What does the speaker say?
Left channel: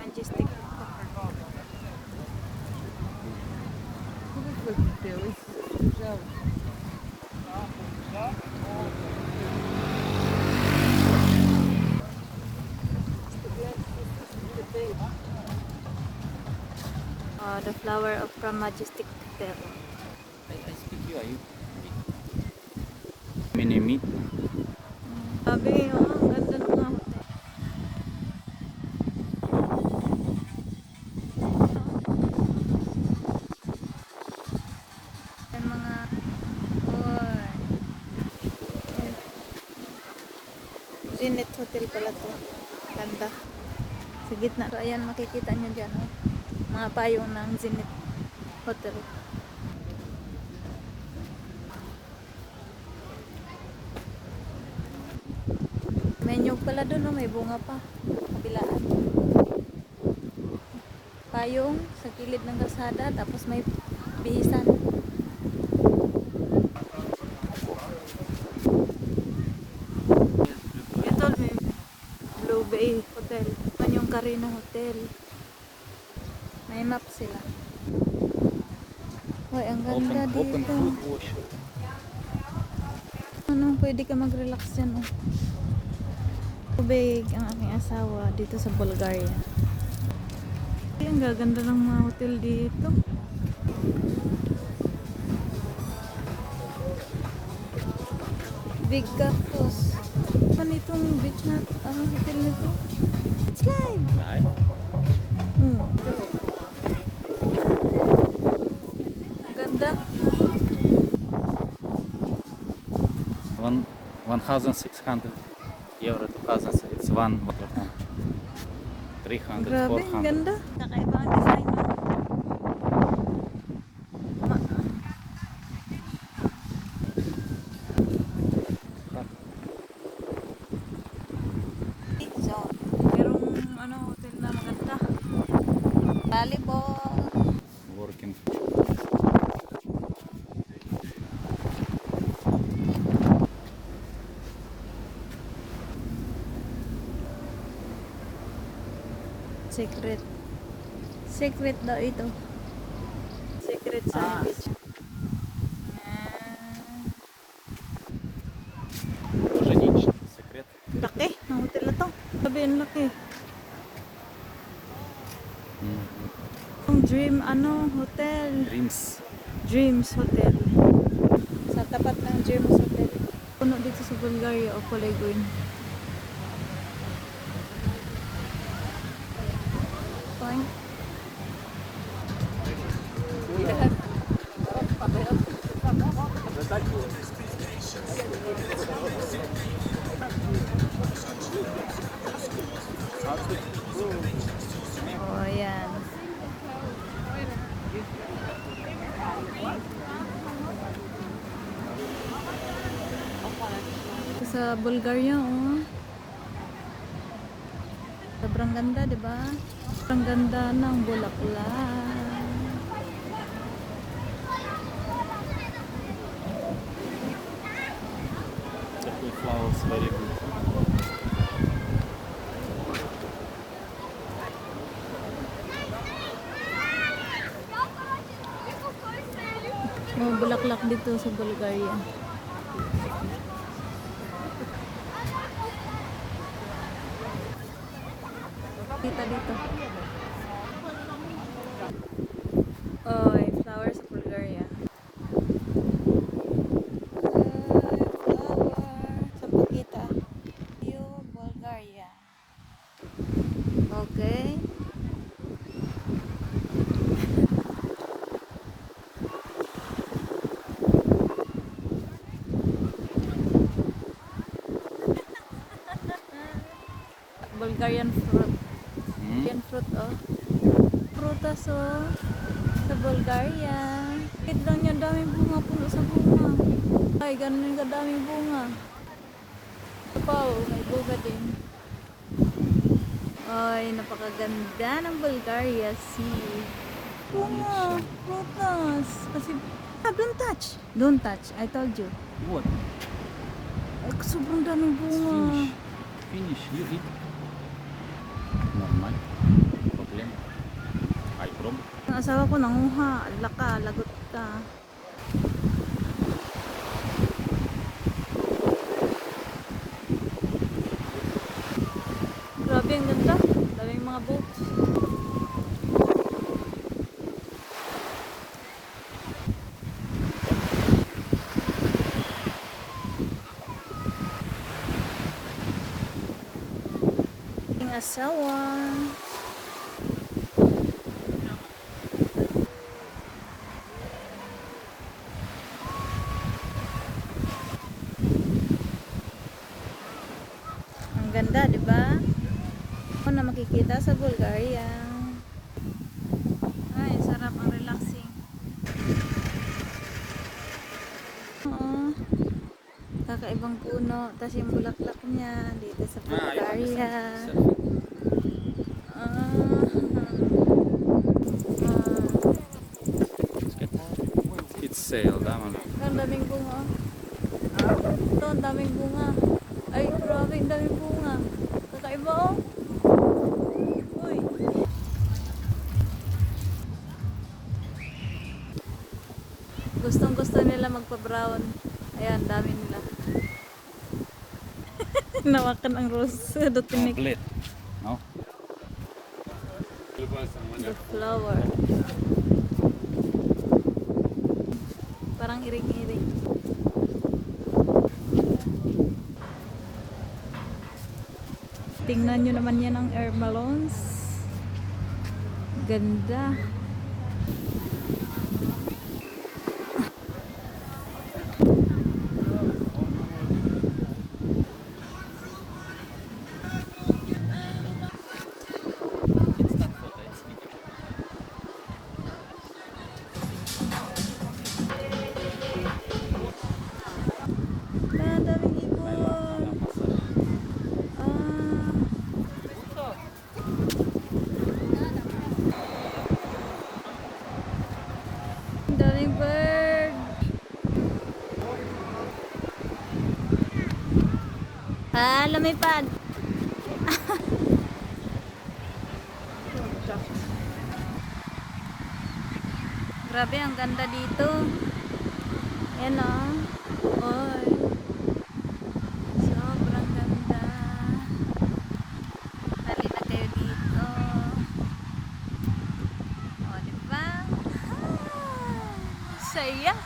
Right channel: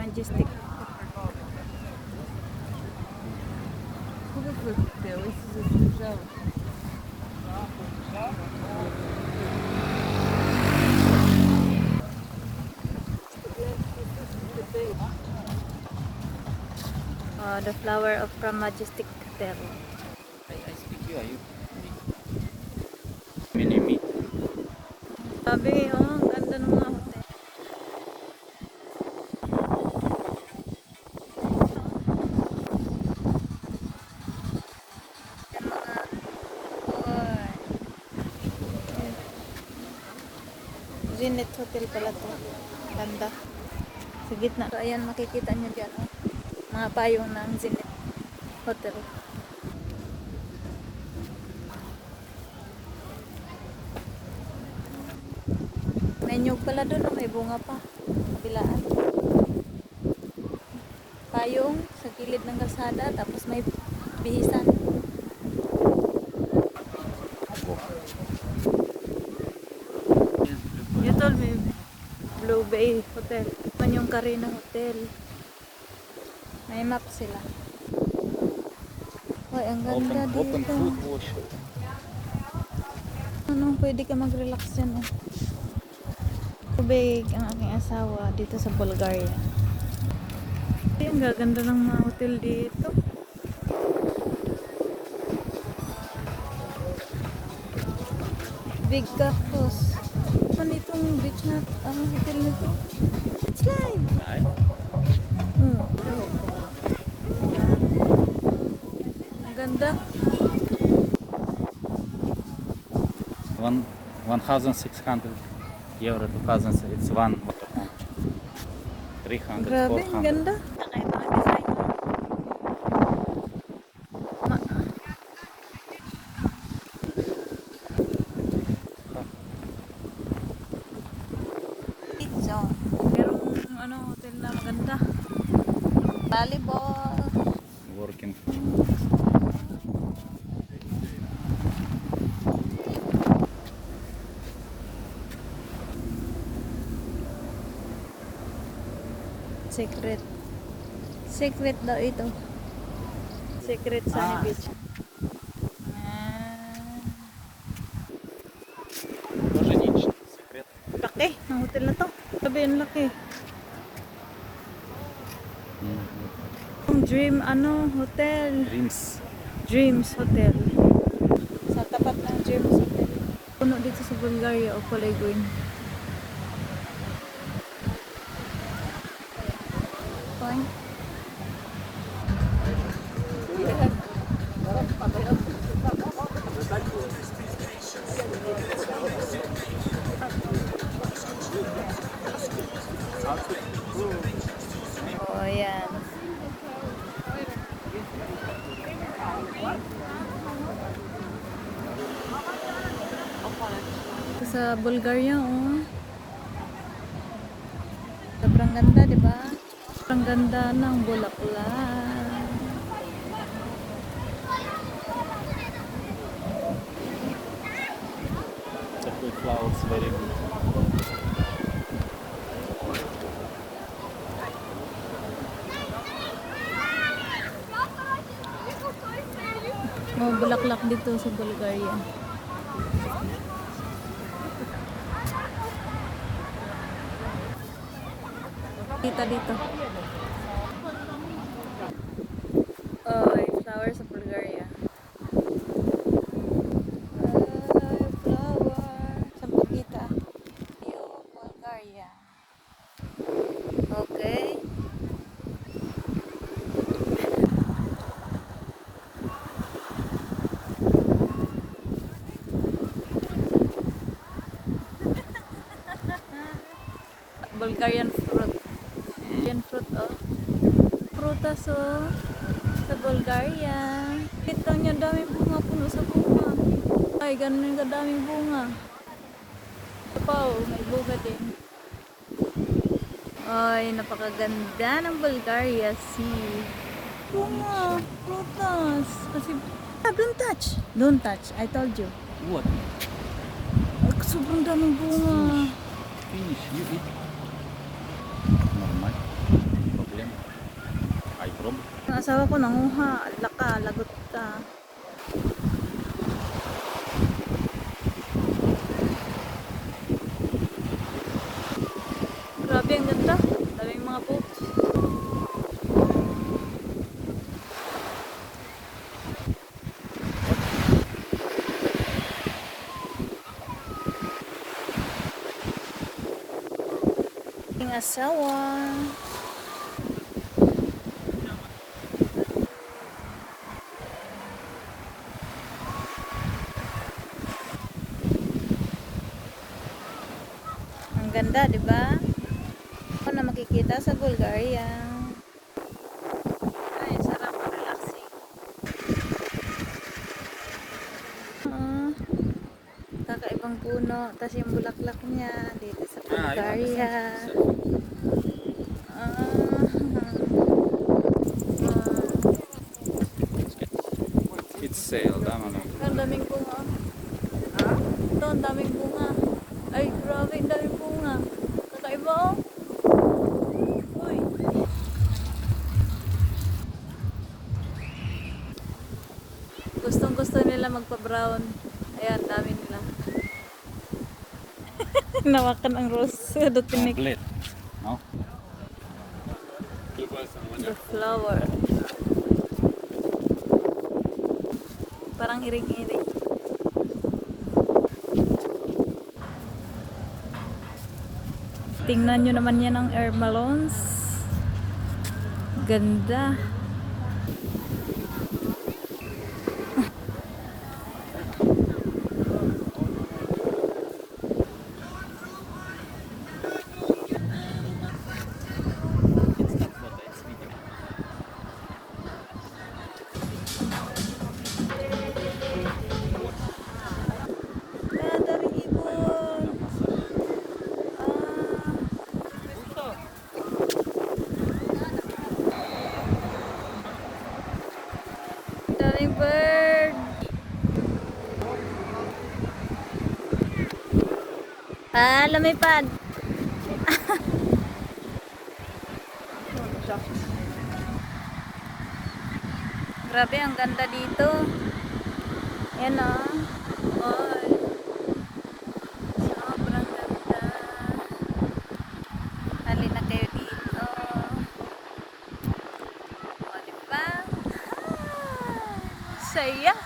Majestic. The flower of from Majestic Hotel. Minimi. Sabi, oh, ang ganda ng mga hotel. Yung mga boy. Zenith Hotel pala to. Ganda. Sa gitna. So, ayan, makikita nyo dyan, oh. Mga payong ng Zenith Hotel. May nyug pala doon, oh. May bunga pa. Kabilaan. Payong sa gilid ng kalsada, tapos may bihisan. You told me Blue Bay Hotel. Man yung Carina Hotel. May map sila. Ay, ang ganda Open dito. food wash. Ano, pwede ka mag-relax dyan, oh. Tubig ang aking asawa dito sa Bulgaria. Ay, ang gaganda ng mga hotel dito. Big Cactus. Ano itong beach na hotel na ito? It's live! Ang ganda. 1,600 euro, 2,000, it's 300, Grabe, ang 400. ganda. Nakaiba ang design. Pizza. Merong hotel na maganda. Volleyball. Working. Secret. Secret daw ito. Secret Sunny Beach. Secret. Laki ng hotel na to. Sabi ang laki. Ang Dream hotel. Dreams Hotel. Sa tapat ng Dreams Hotel. Puno dito sa Bulgaria o kulay green. Fine. Oh, yan. Sa Bulgaria, oh. Sobrang ganda, di ba? Sobrang ganda ng bulaklak. It's very good. Mga bulaklak dito sa Bulgaria. Kita dito. Oh, flower sa Bulgaria. Flower sa Pakita. Yo, Bulgaria. Okay. Bulgarian fruit. Bulgarian fruit, oh. Prutas, oh. Sa Bulgaria. Kit lang niya, daming bunga, puno sa bunga. Ay, ganun yung kadaming bunga. Ito pa, oh, may bunga din. Ay, napakaganda ng Bulgaria. See. Bunga, prutas. Kasi, don't touch. Don't touch. I told you. What? Sobrang daming bunga. Finish. You eat. Normal. Malalim. Ay, prob. Ang asawa ko nanguha. Ala ka, lagot ka. Grabe, ang ganda. Daming mga boats. Ang asawa. Ang ganda, di ba? Ako na makikita sa Bulgaria. Ay, sarap ang relaxing. Kakaibang puno. Tapos yung bulaklak niya dito sa Bulgaria. Kids sale, tama na. Ang daming bunga. Ito, ang daming bunga. Ay, grabe, ang daming bunga. Kakaiba, oh. Uy. Gustong gusto nila magpa-brown. Ayan, dami nila. Nawakan ang rose. Dotinik. Complete. No? The flower. Parang iring-iring. Tingnan nyo naman yan ang air balloons. Ganda. Daming ibon. Daming bird. Lumipad. Grabe, ang ganda dito. Yan o. Oy. Sobrang ganda. Halina kayo dito. O, diba? Saya.